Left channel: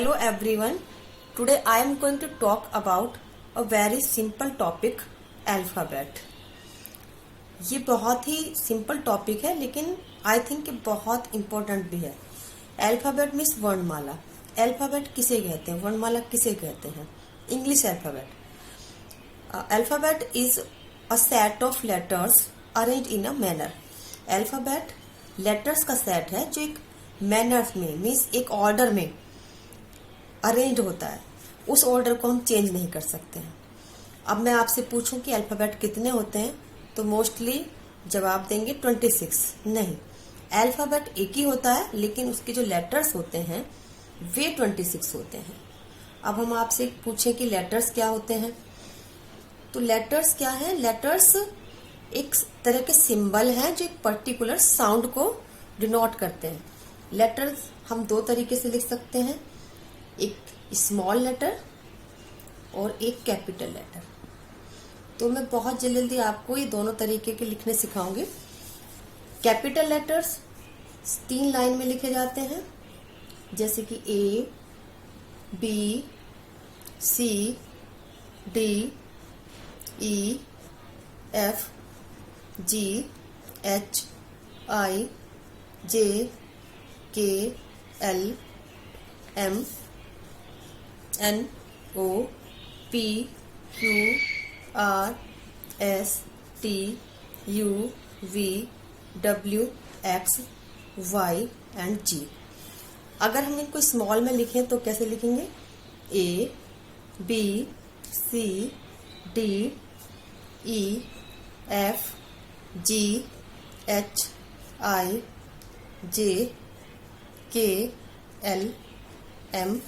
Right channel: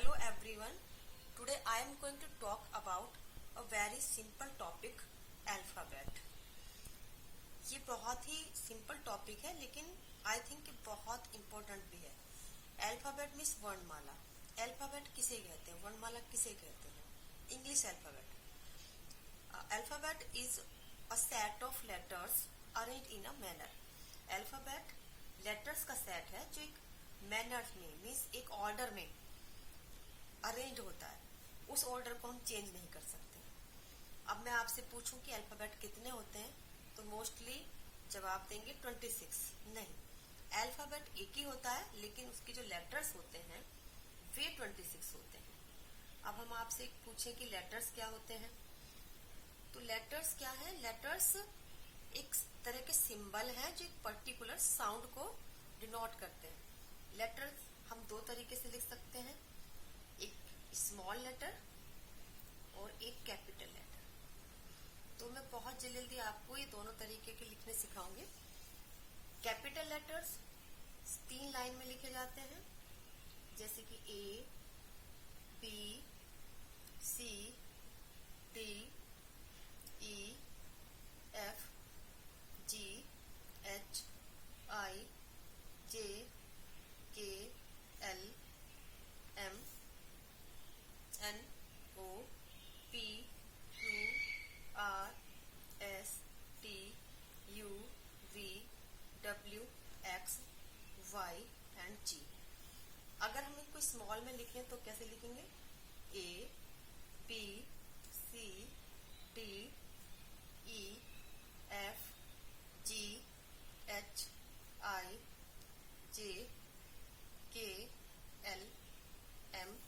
Hello everyone. Today I am going to talk about a very simple topic, alphabet. ये बहुत ही simple topic है लेकिन I think कि बहुत इम्पोर्टेंट भी है. अल्फाबेट मीन्स वर्णमाला. अल्फाबेट किसे कहते हैं, वर्णमाला किसे कहते हैं? English alphabet. Alphabet is a set of letters arrange in a manner. Alphabet letters का सेट है जो एक मैनर में मीन्स एक ऑर्डर में अरेंज होता है. उस ऑर्डर को हम चेंज नहीं कर सकते हैं. अब मैं आपसे पूछूं कि अल्फाबेट कितने होते हैं तो मोस्टली जवाब देंगे 26. नहीं, अल्फाबेट एक ही होता है लेकिन उसके जो लेटर्स होते हैं वे 26 होते हैं. अब हम आपसे पूछें कि लेटर्स क्या होते हैं तो लेटर्स क्या है? लेटर्स एक तरह के सिंबल हैं जो एक पर्टिकुलर साउंड को डिनोट करते हैं. लेटर्स हम दो तरीके से लिख सकते हैं, एक स्मॉल लेटर और एक कैपिटल लेटर. तो मैं बहुत जल्दी आपको ये दोनों तरीके के लिखने सिखाऊंगी. कैपिटल लेटर्स 3 लाइन में लिखे जाते हैं जैसे कि A, B, C, D, E, F, G, H, I, J, K, L, M, N, O, P, Q, R, S, T, U, V, W, X, Y and Z. अगर हम इनको स्मॉल में लिखें तो कैसे लिखेंगे? A, B, C, D, E, F, G, H, I, J, K, L, M,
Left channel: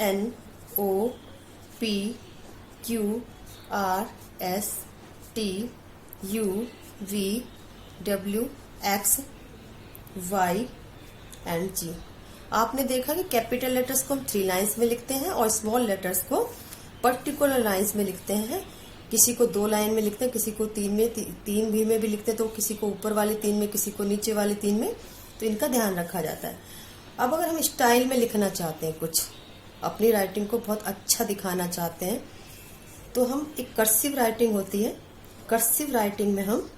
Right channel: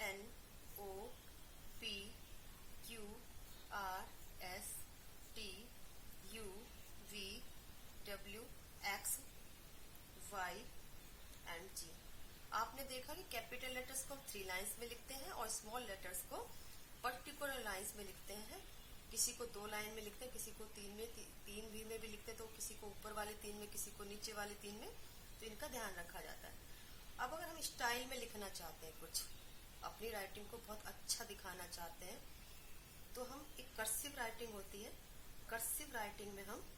N, O, P, Q, R, S, T, U, V, W, X, Y and Z. आपने देखा कि कैपिटल लेटर्स को हम 3 लाइन्स में लिखते हैं और स्मॉल लेटर्स को पर्टिकुलर लाइन्स में लिखते हैं. किसी को 2 लाइन में लिखते हैं, किसी को 3 में, 3 भी में भी लिखते हैं, तो किसी को ऊपर वाले 3 में, किसी को नीचे वाले 3 में. तो इनका ध्यान रखा जाता है. अब अगर हम स्टाइल में लिखना चाहते हैं, कुछ अपनी राइटिंग को बहुत अच्छा दिखाना चाहते हैं तो हम एक कर्सिव राइटिंग होती है, कर्सिव राइटिंग में हम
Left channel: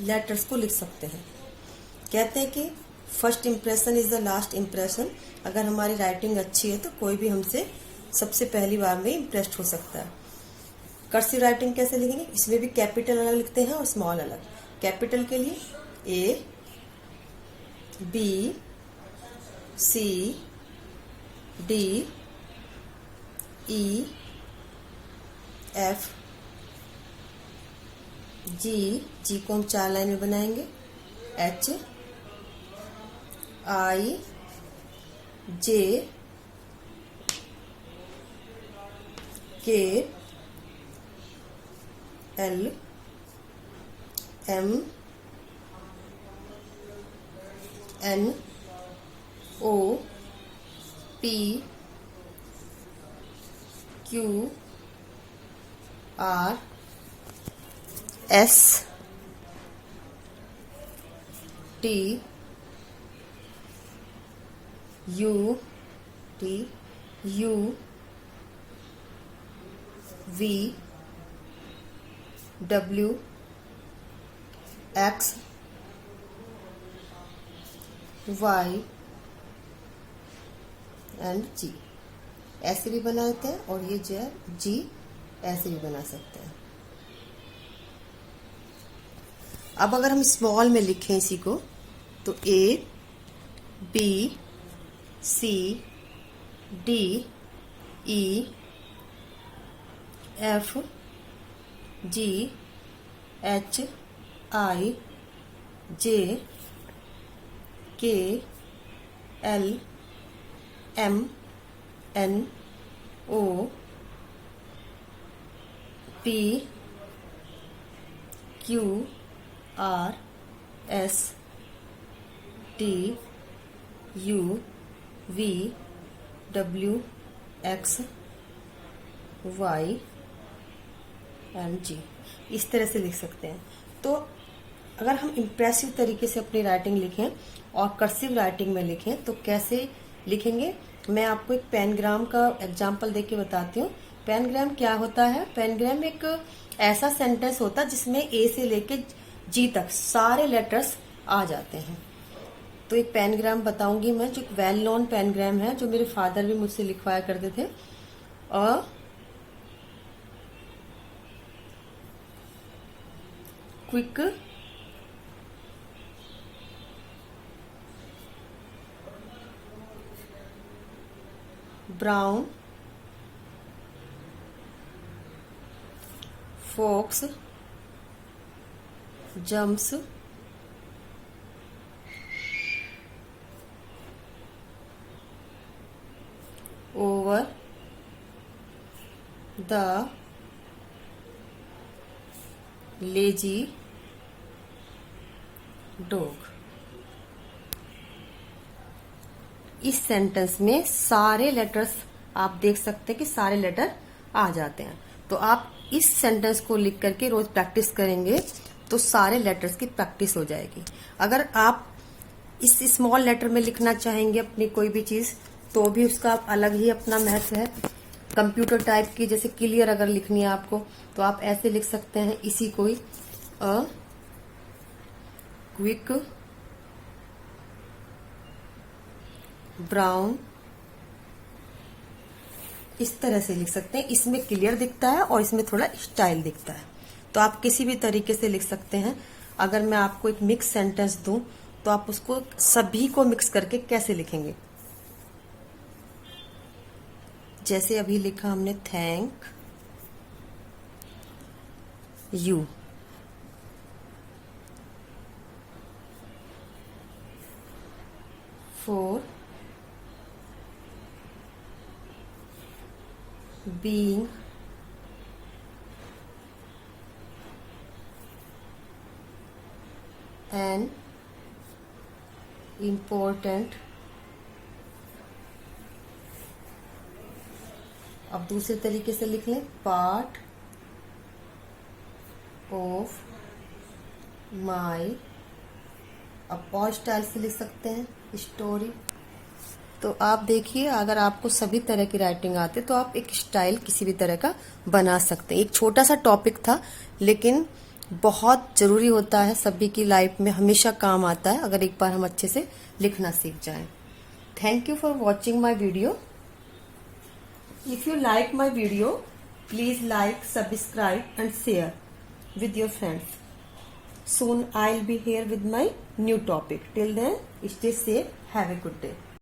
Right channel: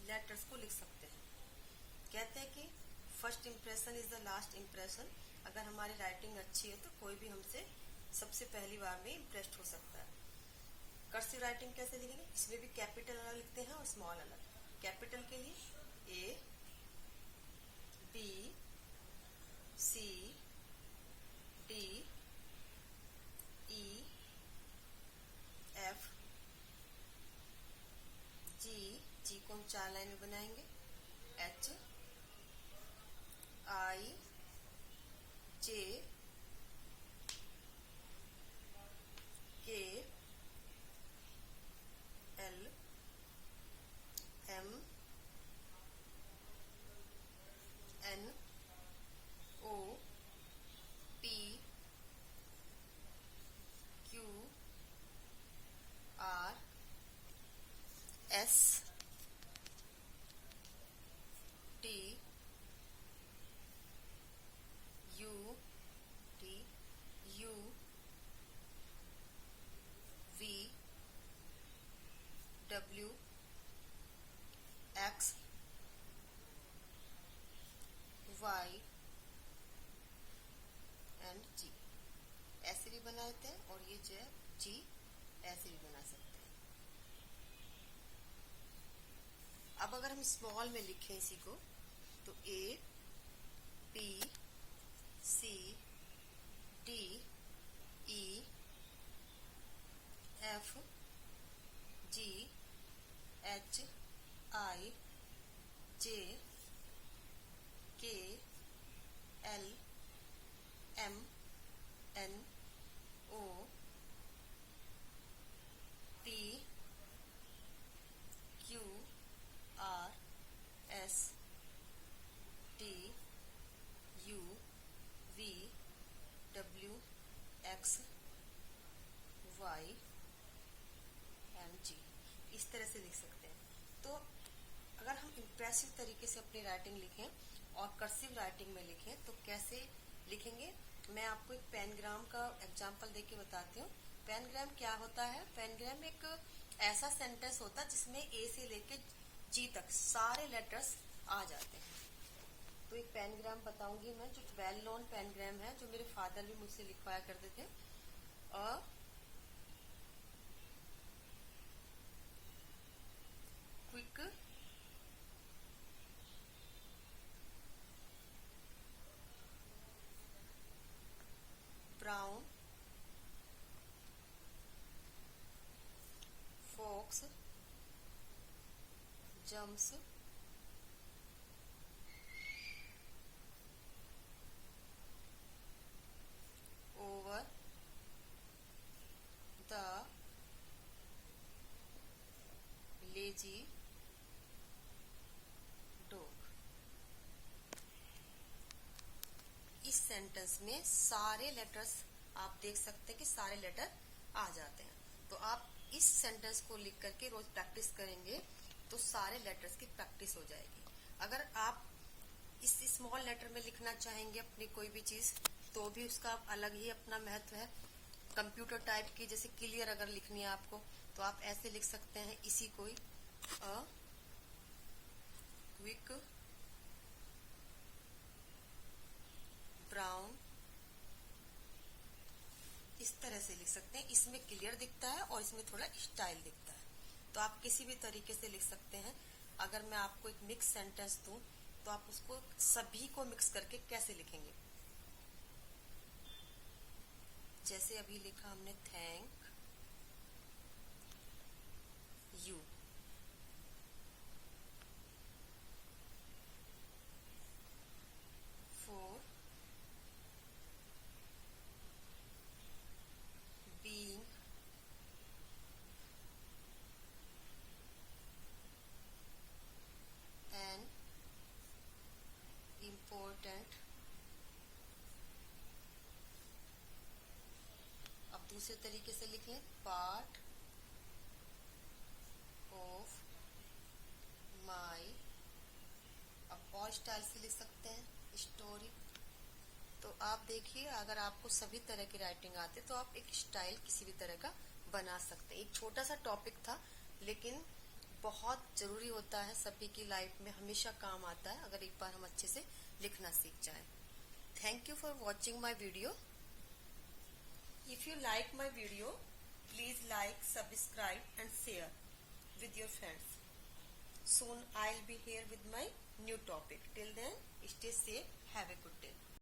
लेटर्स को लिख सकते हैं. कहते हैं कि first impression is the last impression. अगर हमारी राइटिंग अच्छी है तो कोई भी हमसे सबसे पहली बार में इम्प्रेस्ड हो सकता है. कर्सिव राइटिंग कैसे लिखेंगे? इसमें भी कैपिटल अलग लिखते हैं और स्मॉल अलग. कैपिटल के लिए ए, B, C, D, E, F, जी को हम 4 लाइन में बनाएंगे, H, I, J, K, L, M, N, O, P, Q, R, S, T, U, V, W, X, Y and Z. ऐसे भी बनाते हैं और ये जो है जी ऐसे भी बना सकते हैं. अब अगर हम स्मॉल में लिखें इसी को तो A, B, C, D, E, F, G, H, I, J, K, L, M, N, O, P, Q, R, S, T, U, V, W, X, Y and Z. इस तरह से लिख सकते हैं. तो अगर हम इम्प्रेसिव तरीके से अपनी राइटिंग लिखें और कर्सिव राइटिंग में लिखें तो कैसे लिखेंगे? मैं आपको एक पेनग्राम का एग्जाम्पल देके बताती हूँ। पेनग्राम क्या होता है? पेनग्राम एक ऐसा सेंटेंस होता है जिसमें ए से लेके जी तक सारे लेटर्स आ जाते हैं। तो एक पेनग्राम बताऊंगी मैं, जो वेल नोन पेनग्राम है, जो मेरे फादर भी मुझसे लिखवाया करते थे। Quick brown fox jumps over the lazy dog। इस सेंटेंस में सारे लेटर्स आप देख सकते हैं कि सारे लेटर आ जाते हैं। तो आप इस सेंटेंस को लिख करके रोज प्रैक्टिस करेंगे तो सारे लेटर्स की प्रैक्टिस हो जाएगी। अगर आप इस स्मॉल लेटर में लिखना चाहेंगे अपनी कोई भी चीज तो भी उसका अलग ही अपना महत्व है। कंप्यूटर टाइप की जैसे क्लियर अगर लिखनी है आपको तो आप ऐसे लिख सकते हैं, इसी को ही क्विक ब्राउन, इस तरह से लिख सकते हैं। इसमें क्लियर दिखता है और इसमें थोड़ा स्टाइल दिखता है। तो आप किसी भी तरीके से लिख सकते हैं। अगर मैं आपको एक मिक्स सेंटेंस दूं तो आप उसको सभी को मिक्स करके कैसे लिखेंगे? जैसे अभी लिखा हमने, thank you for being an important। अब दूसरे तरीके से लिख लें, पार्ट ऑफ माई। अब और स्टाइल से लिख सकते हैं, स्टोरी। तो आप देखिए, अगर आपको सभी तरह की राइटिंग आती है तो आप एक स्टाइल किसी भी तरह का बना सकते हैं। एक छोटा सा टॉपिक था लेकिन बहुत जरूरी होता है, सभी की लाइफ में हमेशा काम आता है अगर एक बार हम अच्छे से लिखना सीख जाएं। Thank you for watching my video. If you like my video please like, subscribe and share with your friends. Soon I'll be here with my new topic. Till then, stay safe. Have a good day.